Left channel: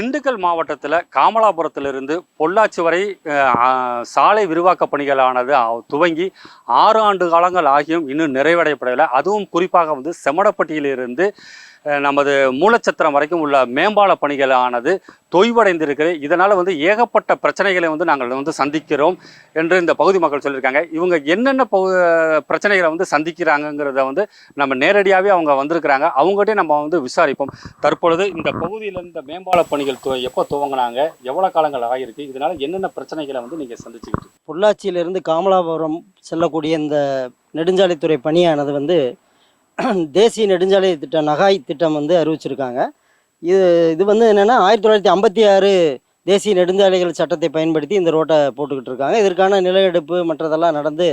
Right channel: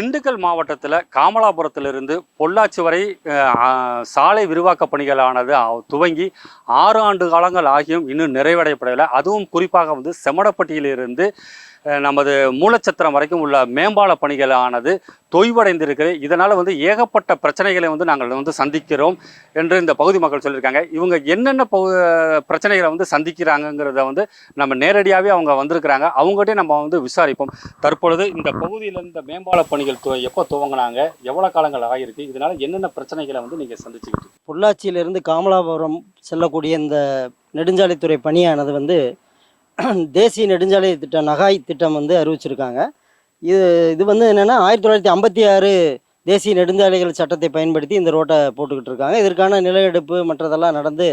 திண்டுக்கல் மாவட்டத்தில் காமலாபுரத்திலிருந்து பொள்ளாச்சி வரை சாலை விரிவாக்க பணிகளானது துவங்கி 6 ஆண்டு காலங்கள் ஆகியும் இன்னும் நிறைவடையப்படவில்லை. அதுவும் குறிப்பாக செம்மடப்பட்டியிலிருந்து நமது மூலச்சத்திரம் வரைக்கும் உள்ள மேம்பால பணிகளானது தொய்வடைந்திருக்கிறது. இதனால் ஏகப்பட்ட பிரச்சனைகளை நாங்கள் சந்திக்கிறோம் என்று இந்த பகுதி மக்கள் சொல்லியிருக்காங்க. இவங்க என்னென்ன பிரச்சனைகளை சந்திக்கிறாங்கிறத நம்ம நேரடியாகவே அவங்க வந்திருக்கிறாங்க. அவங்ககிட்டே நம்ம விசாரிப்போம். தற்பொழுது இந்த பகுதியில் இந்த மேம்பால பணிகள் எப்போ துவங்கினாங்க, எவ்வளோ காலங்கள் ஆகியிருக்கு, இதனால் என்னென்ன பிரச்சனைகளை நீங்கள் சந்திச்சுக்கிட்டு? பொள்ளாச்சியிலிருந்து காமலாபுரம் செல்லக்கூடிய இந்த நெடுஞ்சாலைத்துறை பணியானது தேசிய நெடுஞ்சாலை திட்டம் நகாய் திட்டம் அறிவிச்சிருக்காங்க. இது என்னென்னா 1956 தேசிய நெடுஞ்சாலைகள் சட்டத்தை பயன்படுத்தி இந்த ரோட்டை போட்டுக்கிட்டு இருக்காங்க. இதற்கான நிலஎடுப்பு மற்றதெல்லாம் நடந்து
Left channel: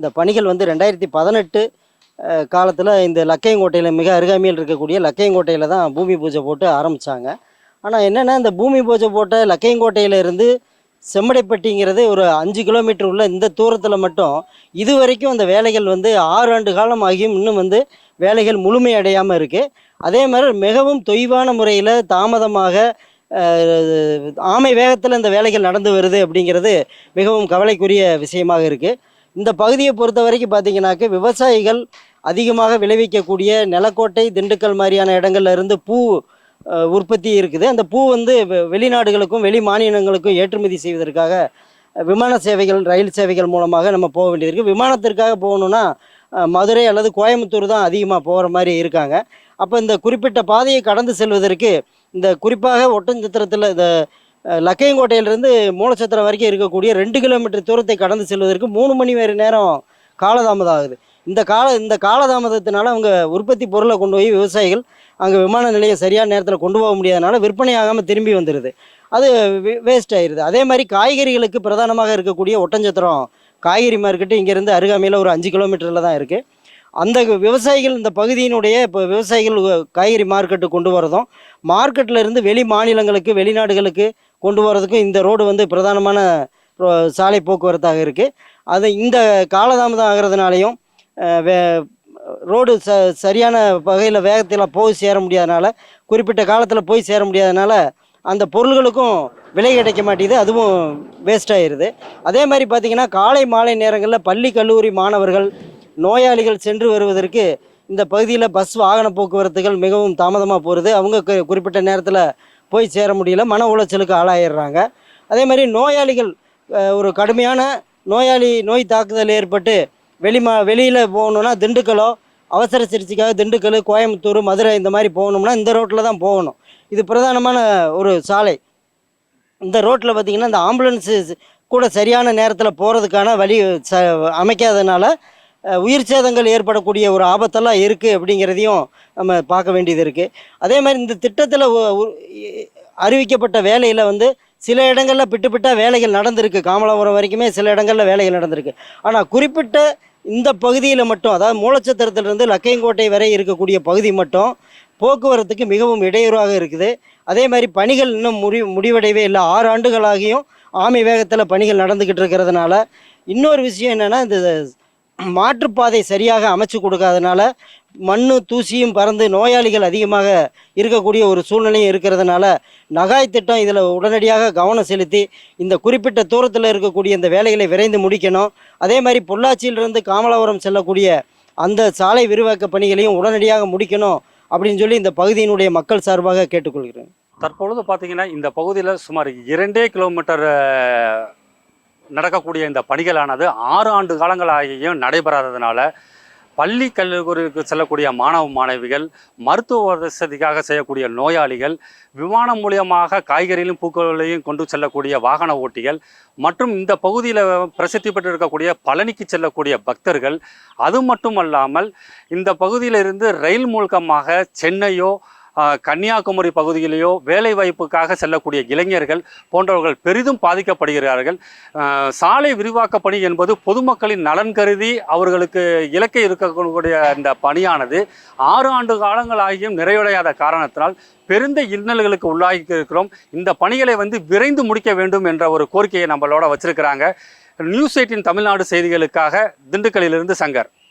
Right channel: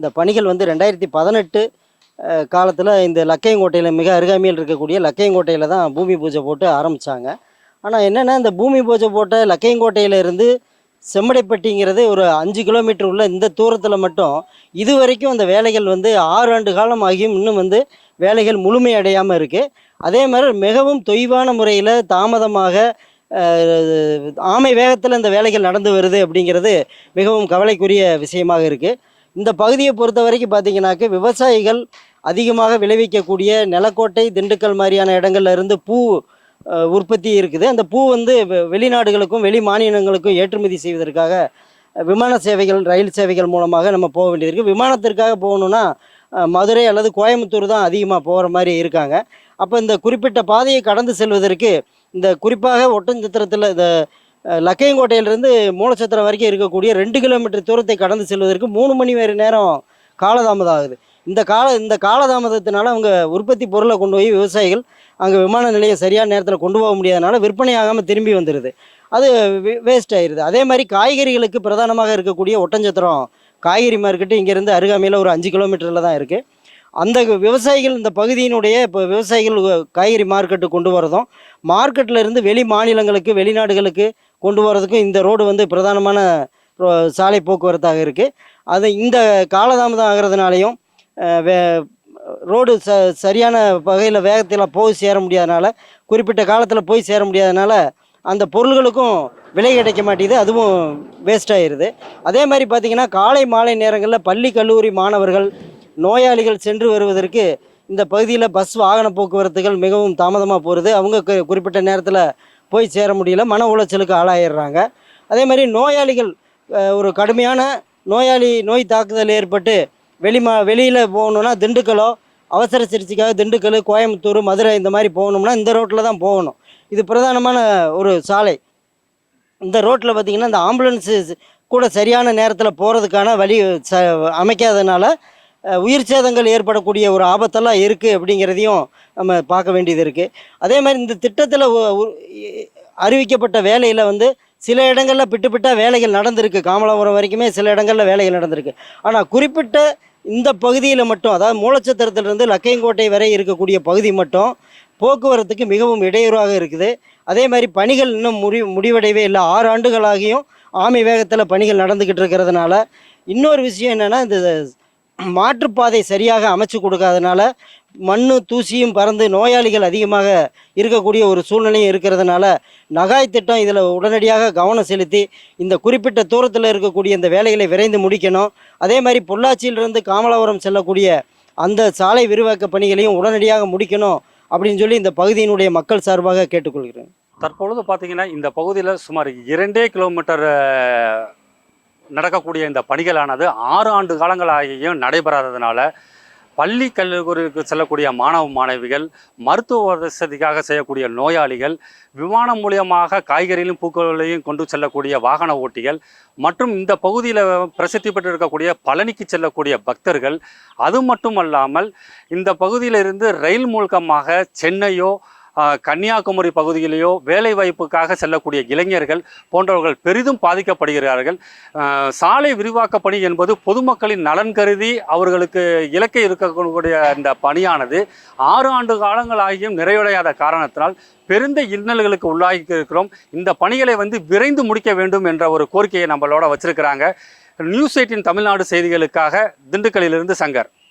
இந்த பணிகள் 2018 காலத்தில் இந்த லக்கையங்கோட்டையில் மிக அருகாமையில் இருக்கக்கூடிய லக்கையங்கோட்டையில் தான் பூமி பூஜை போட்டு ஆரம்பித்தாங்க. ஆனால் என்னென்னா இந்த பூமி பூஜை போட்ட லக்கையங்கோட்டையிலேருந்து செம்மடைப்பட்டிங்கிறது ஒரு 5 கிலோமீட்டர் உள்ள இந்த தூரத்தில் மட்டும் இது வரைக்கும் அந்த வேலைகள் 6 ஆண்டு காலம் ஆகியும் இன்னும் வேலைகள் முழுமையடையாமல் இருக்குது. அதே மாதிரி மிகவும் தொய்வான முறையில் தாமதமாக ஆமை வேகத்தில் இந்த வேலைகள் நடந்து வருது அப்படிங்கிறது மிகவும் கவலைக்குரிய விஷயமாக இருக்குது. இந்த பகுதியை பொறுத்த வரைக்கும் பார்த்திங்கனாக்க விவசாயிகள் அதிகமாக விளைவிக்கக்கூடிய நிலக்கோட்டை, திண்டுக்கல் மாதிரியான இடங்கள்ல இருந்து பூ உற்பத்தி இருக்குது. அந்த பூ வெளிநாடுகளுக்கும் வெளி மாநிலங்களுக்கும் ஏற்றுமதி செய்வதற்காக விமான சேவைகள், ரயில் சேவைகள் மூலமாக நம்ம போக வேண்டியது. விமானத்திற்காக போகணுன்னா மதுரை அல்லது கோயம்புத்தூர் தான் அதிகமாக போகிற மாதிரி இருக்காங்க. அப்போ இந்த குறிப்பிட்ட பாதையை கடந்து செல்வதற்கு இந்த குறிப்பாக ஒட்டஞ்சத்திரத்தில் இந்த லக்கையங்கோட்டையிலிருந்து மூலச்சத்திரம் வரைக்கும் இருக்கக்கூடிய 2 கிலோமீட்டர் தூரத்தை கடந்து செல்வதற்கு 3 மணி நேரம் காலதாமதம் ஆகுது. இந்த காலதாமதத்தினால அவங்க உற்பத்தி பொருளை கொண்டு போய் விவசாயிகள் அங்கே விமான நிலையம் சரியான நேரத்தில் கொண்டு போக முடியாதனால விற்பனை ஆகாமல் திரும்பி வந்துடுது. அது வேஸ்ட் ஆயிடுது. அதே மாதிரி காய்கறிகளுக்கு பிரதானமாக இருக்கக்கூடிய ஒட்டஞ்சத்திரம் காய்கறி மார்க்கெட்டு இங்கேருந்து அருகாமையில் ஒரு 5 கிலோமீட்டரில் தான் இருக்குது. அந்த விவசாயிகள் இந்த பகுதியினுடைய இப்போ விவசாயிகள் காய்கறி மார்க்கெட்டு கொண்டு வரதும், மார்க்கெட்டில் இருந்து வெளி மாநிலங்களுக்கு வெளிநாடுகளுக்கு கொண்டு வரதுக்கும் இந்த ரோடு பிரதானமான சாலை போக்குவரத்தாக இருக்குது. அது இந்த காலதாமதம் ஆகிறதுனாலையும் ரோடு சரியான வகையில் வேகத்தில் போய் சேர முடியாதனால, குறிப்பிட்ட காலத்தில் போய் சேர முடியாதனால அந்த பொருள்களுக்கும் விலை கிடைக்க மாட்டேங்குது. அதுவும் வேஸ்ட் ஆகிடுது. அதே மாதிரி பார்த்திங்கன்னா காலை மாலை நேரங்களில் பள்ளி கல்லூரி மாணவர்கள், நோயாளிகள் சென்று வருவதற்கு இந்த பகுதியில் பஸ் வாகன போக்குவரத்துகள் மிகவும் தாமதமாக போகிறது. அவங்க குறிப்பிட்ட நேரத்தில் போய் சேர முடியல, மன உளைச்சலுக்கு ஆளாயிடுறாங்க. அதே மாதிரி நோயாளிகள் ஒரு கடுமையான நோய் தாக்குதல் ஏற்பட்டு வெளியில் போகணுன்னா திண்டுக்கலோ, அவசர சிகிச்சைக்காக திண்டுக்கல், கோயம்புத்தூர், மதுரை இந்த மாதிரி போகணும்னா இந்த ரோட்டில் தான் போகணும். இது பிரதானமான ஒரு சாலை. இந்த ரோட்டில் பார்த்திங்கன்னா இந்த ஆம்புலன்ஸு கூட சரியான நேரத்தில் போகிறதுக்கான வழி அமைக்காதனால உயிர் சேதங்கள் ஏற்படக்கூடிய ஒரு ஆபத்தெல்லாம் இருக்குது அப்படிங்கிறதையும் நம்ம பார்க்க வேண்டியது இருக்குது. அதே மாதிரி இந்த திட்டத்தில் அறிவிக்கப்பட்ட வேலையில் சில இடங்களில் பிட்டாக வேலைகள் நடந்திருக்கு. காமலாபுரம் வரைக்குமே சில இடங்களில் வேலைகள் நடந்திருக்கு. ஆனால் குறிப்பிட்ட இந்த பகுதியில் மட்டும், அதாவது மூலச்சத்திரத்திலிருந்து லக்கையங்கோட்டை வரை இருக்கக்கூடிய பகுதி மட்டும் போக்குவரத்துக்கு மிகவும் இடையூறாக இருக்குது. அதே மாதிரி பணிகள் இன்னும் முடிவடையவே இல்லை. 6 ஆண்டுகளாகியும் ஆமை வேகத்தில் பணிகள் நடந்துக்கிட்டு இருக்கிறதுனால இன்னொரு விஷயம் என்னென்னா, இந்த மாற்றுப்பாதை சரியாக அமைச்சு கொடுக்காதனால மண்ணு தூசியும் பறந்து நோயாளிகள் அதிகமாக இருக்கக்கூடிய ஒரு சூழ்நிலையும் இருக்கிறதுனால நகாய் திட்டம் இதில் உடனடியாக கவனம் செலுத்தி இந்த குறிப்பிட்ட தூரத்தில் இருக்கக்கூடிய இந்த வேலைகளை விரைந்து முடிக்கணும். அதே மாதிரி பொள்ளாச்சியிலிருந்து காமலாபுரம் செல்லக்கூடிய அந்த சாலை விரிவாக்க பணிகளையும் உடனடியாக முடிக்கணும் அப்படின்னு சொல்லி இந்த பகுதியினுடைய மக்கள் சார்பாக கேட்டுக்கொள்கிறேன். தற்பொழுது பார்த்திங்கன்னா இந்த பகுதியில் சுமார் 2 கிலோமீட்டர் நடக்கக்கூடிய இந்த பணிகளானது 6 ஆண்டு காலங்களாகியும் நடைபெறாததுனால பள்ளி கல்லூரிக்கு செல்லக்கூடிய மாணவ மாணவிகள், மருத்துவ வசதிக்காக செய்யக்கூடிய நோயாளிகள், விமானம் மூலியமாக காய்கறிகளையும் பூக்களையும் கொண்டு செல்லக்கூடிய வாகன ஓட்டிகள் மற்றும் இந்த பகுதியில் பிரசித்தி பெற்று இருக்கக்கூடிய பழனிக்கு செல்லக்கூடிய பக்தர்கள், அது மட்டுமல்லாமல் இந்த பகுதியிலிருந்து ரயில் மூலமாக சென்னையோ கன்னியாகுமரி பகுதியிலேயோ வேலை வாய்ப்புக்காக செல்லக்கூடிய இளைஞர்கள் போன்றவர்கள் பெரிதும் பாதிக்கப்படுகிறார்கள். சாலை விரிவாக்க பணி என்பது பொதுமக்களின் நலன் கருதி அவர்களுக்கு இலக்கை இருக்கக்கூடிய இந்த பணியானது 6 ஆண்டு காலங்களாகியும் நிறைவடையாத காரணத்தினால் பெருந்த இன்னல்களுக்கு உள்ளாகி இருக்கிறோம். இந்த பணிகளை விரைந்து முடிக்க வேண்டும் என்ற ஒரு கோரிக்கையை நம்மளோட வச்சிருக்கிறாங்க. நியூஸ் 18 தமிழ்நாடு செய்திகளுக்காக திண்டுக்கல்லிலிருந்து சங்கர்.